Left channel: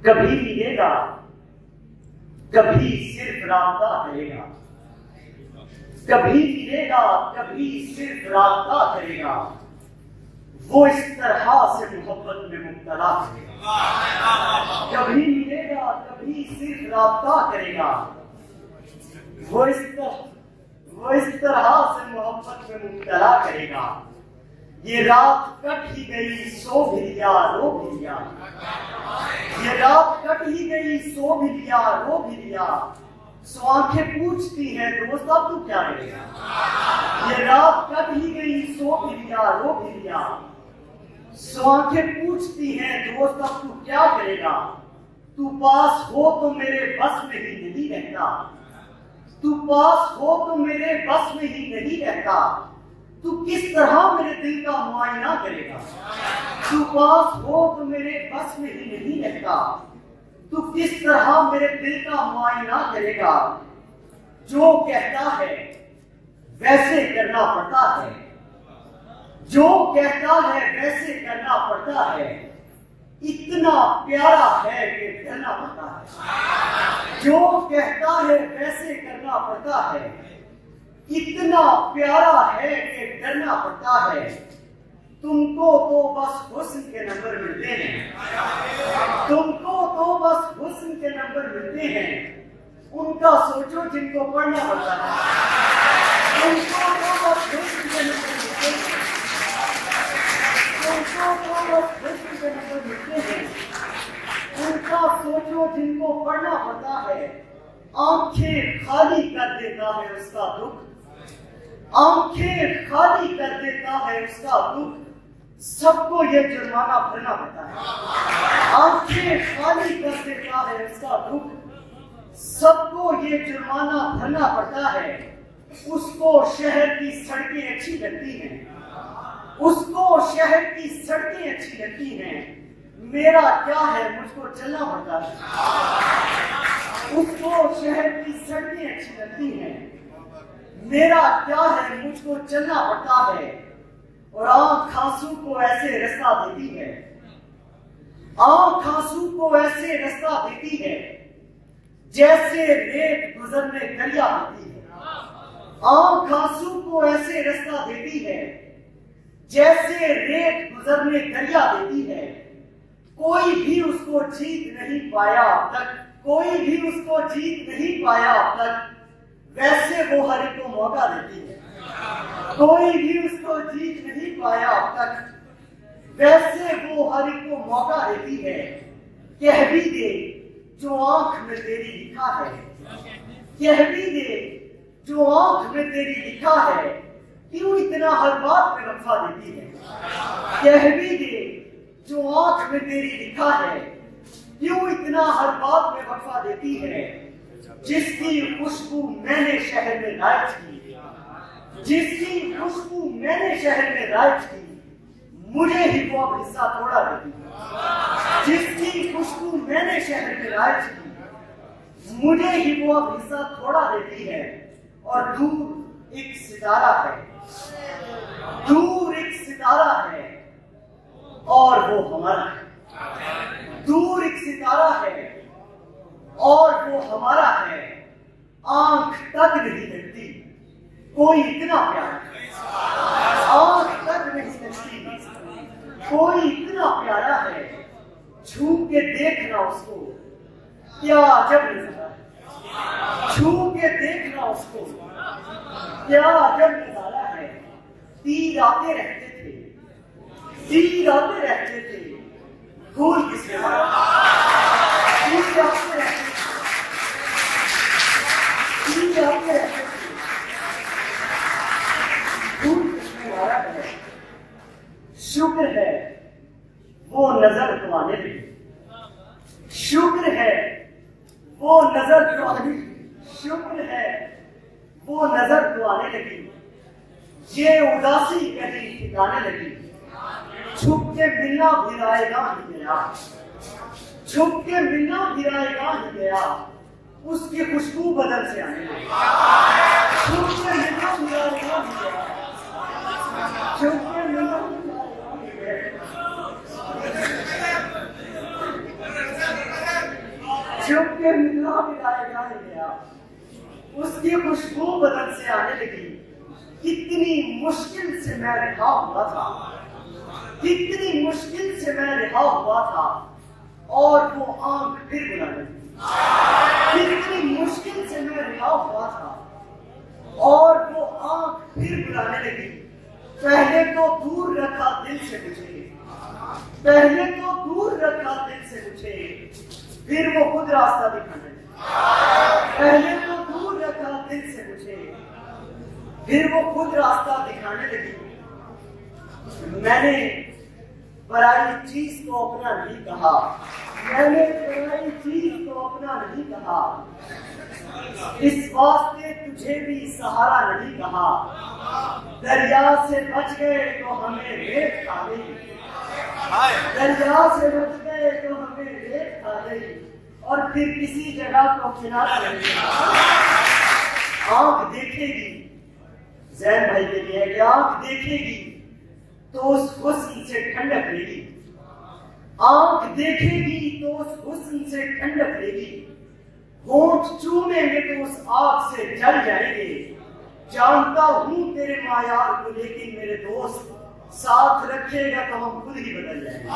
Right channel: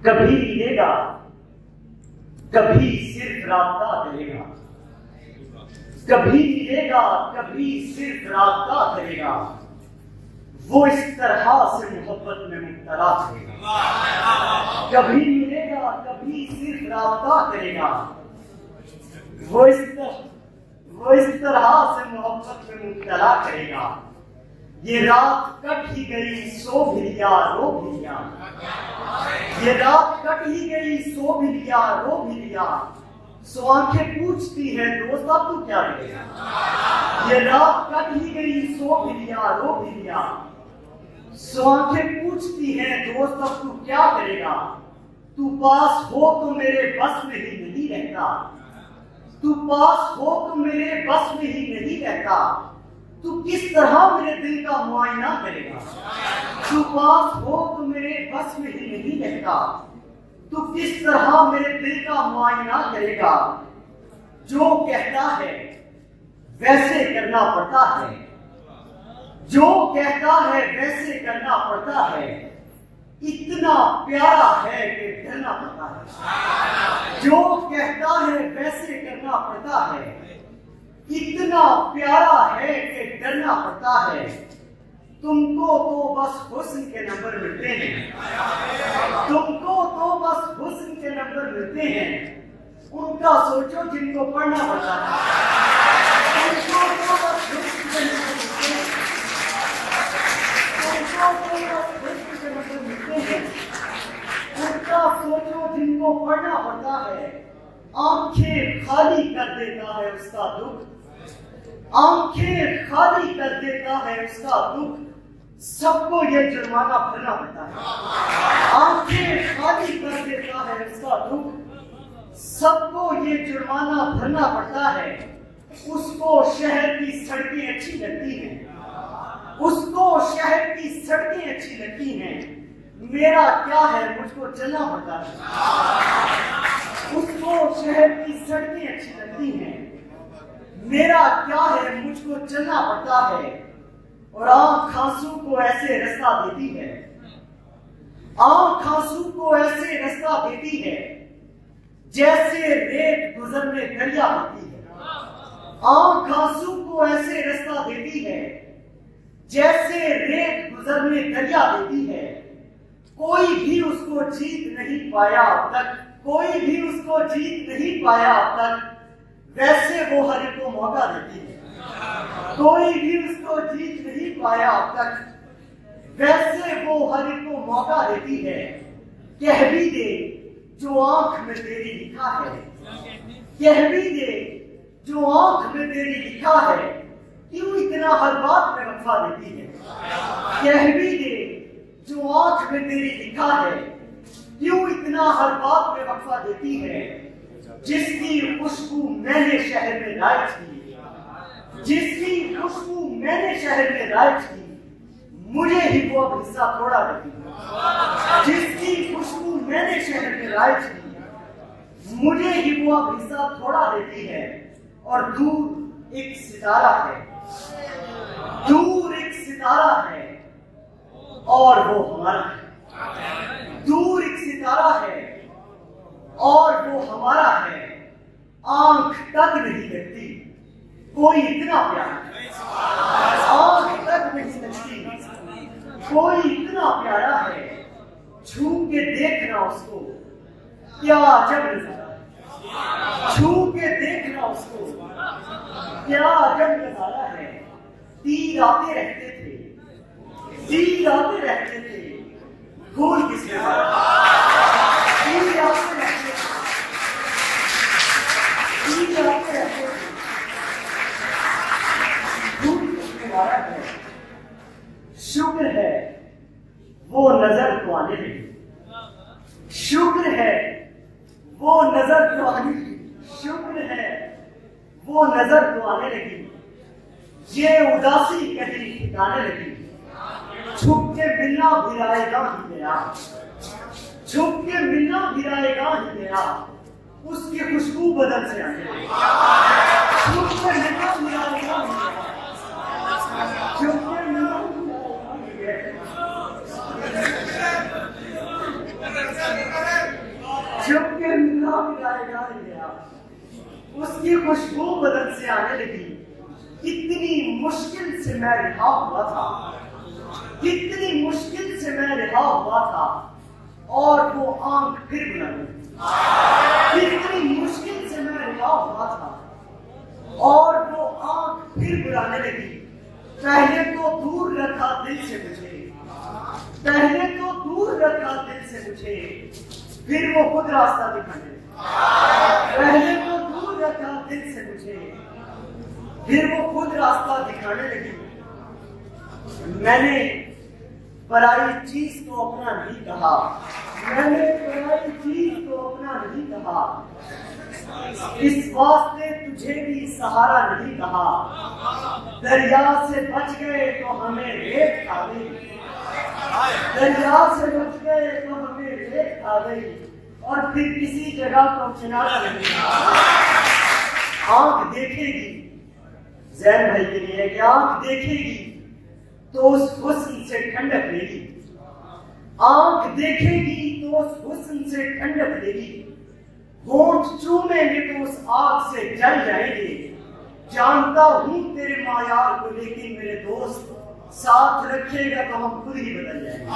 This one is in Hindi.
कभी मिलेगा, कभी सिर्फ राब्ता करेगा, कभी मिलेगा, कभी सिर्फ राब्ता करेगा, वो इस तरह से मोहब्बत में मुब्तला करेगा। कभी मिलेगा, कभी सिर्फ राब्ता करेगा, वो इस तरह से मोहब्बत में मुब्तला करेगा। ये रात कट ही गई, सो भी लिया, रो भी लिया। ये रात कट ही गई, सो भी लिया, रो भी लिया। सो आंखें पूछती है, दोस्त अब तू क्या करेगा। ये रात कट ही गई, सो भी लिया, रो भी लिया। सो आंखें पूछती है, दोस्त अब तू क्या करेगा। तू पास हो तो मेरे बस में ही नहीं रहता, तू पास हो तो मेरे बस में ही नहीं रहता। तू किस तरह मेरे दिल का मुआयना करेगा। तू पास हो तो मेरे बस में ही नहीं रहता, तू किस तरह मेरे दिल का मुआयना करेगा। जो कहता है वैसे करना पड़ता है, जो कहता है वैसे करना पड़ता है। इतना प्यारा है कि डरना पड़ता है। जो कहता है वैसे करना पड़ता है। इतना प्यारा है कि डरना पड़ता है। तुमको तो बस हुस्न के नंबर मिलते हैं, तुमको तो बस हुस्न के नंबर मिलते हैं। उनका सोचो जिनको पढ़ना पड़ता है। तुमको तो बस हुस्न के नंबर मिलते हैं, तुमको तो बस हुस्न के नंबर मिलते हैं। उनका सोचो जिनको पढ़ना पड़ता है। आंखें खाली कर देता है उसका दुख, आंखें खाली कर देता है उसका दुख। सबको ये जुर्माना भरना पड़ता है। आंखें खाली कर देता है उसका दुख, सबको ये जुर्माना भरना पड़ता है। उसको शहर की सड़कें अच्छी लगती हैं, उसको शहर की सड़कें अच्छी लगती हैं। मेरा क्या है, मुझको चलना पड़ता है। उसको शहर की सड़कें अच्छी लगती हैं। मेरा क्या है, मुझको चलना पड़ता है। और आंख आंसू को ऐसे रास्ता देती है, आंख आंसू को ऐसे रास्ता देती है जैसे रेत गुजरने दरिया देती है। आंख आंसू को ऐसे रास्ता देती है जैसे रेत गुजरने दरिया देती है। कोई भी उसको जीत नहीं पाया अब तक, कोई भी उसको जीत नहीं पाया अब तक। वैसे वो हर एक को मौका देती है। कोई भी उसको जीत नहीं पाया अब तक, वैसे वो हर एक को मौका देती है। कह भी दे जो आंख में तेरी लिखा है, कह भी दे जो आंख में तेरी लिखा है। क्यों इतना हर बात में वफा देती है। कह भी दे जो आंख में तेरी लिखा है, क्यों इतना हर बात में वफा देती है। जिसकी खुशबू मैंने शहर में राइज की, जिसकी खुशबू मैंने शहर में राइज की, मुझे ही वो अब हिस्सा थोड़ा देती है। जिसकी खुशबू मैंने शहर में राइज की, मुझे ही वो अब हिस्सा थोड़ा देती है। और दूर एक सितारा है, दूर एक सितारा है और वो हमारा है। दूर एक सितारा है और वो हमारा है। आंख तक नहीं लगती कोई इतना प्यार, आंख तक नहीं लगती कोई इतना प्यारा है। छू के देखना उसको क्या अजब नजारा, छू के देखना उसको क्या अजब नजारा है। तीर आते रहते थे, तीर आते रहते थे, धूल किसने मारा। तीर आते रहते थे, तीर आते रहते थे, धूल किसने मारा है। शुक्र है वो नजर तो आने लगी, शुक्र है वो नजर तो आने लगी, शुक्र है वो नजर तो आने लगी। ये उदासी कहीं ठिकाने लगी। छुप के मिलना गिराएगा ही गया, छुप के मिलना गिराएगा ही गया। उसकी खुशबू बदल से आने लगी। छुप के मिलना गिराएगा ही गया, छुप के मिलना गिराएगा ही गया। भी गाएगा ही गया। उसकी खुशबू बदन से आने लगी। कितनी मुश्किल से मैं रिहा हुआ था, कितनी मुश्किल से मैं रिहा हुआ था, और वो आंख फिर बुला लगी। कितनी मुश्किल से मैं रिहा हुआ था, और वो आंख फिर बुलाने लगी। पहले तो दूर रखा दिल से मुझे, पहले तो दूर रखा दिल से मुझे, फिर वो खुद रास्ता दिखाने लगी। पहले तो दूर रखा दिल से मुझे, फिर वो खुद रास्ता दिखाने लगी। मैंने पराई चीज को अपना नहीं कहा, मैंने पराई चीज को अपना नहीं कहा, इस वास्ते तुझे भी सहारा नहीं कहा। दरिया से बच गए तो हमें रेत खा गई, दरिया से बच गए तो हमें रेत खा गई, और फिर किसी जगह को किनारा नहीं। आंख देखेगी जैन भाई के लिए कि आंख देखेगी तो उस हुस्न से ठंडक लेगी, आंख देखेगी तो उस हुस्न से ठंडक लेगी। होंठ चूमेंगे तो उस आग से जल जाएंगे। जानता हूं तेरे मायार को, लेकिन मेरे दोस्त साथ रखेगा तो हम खुद ही बदल जाएंगे।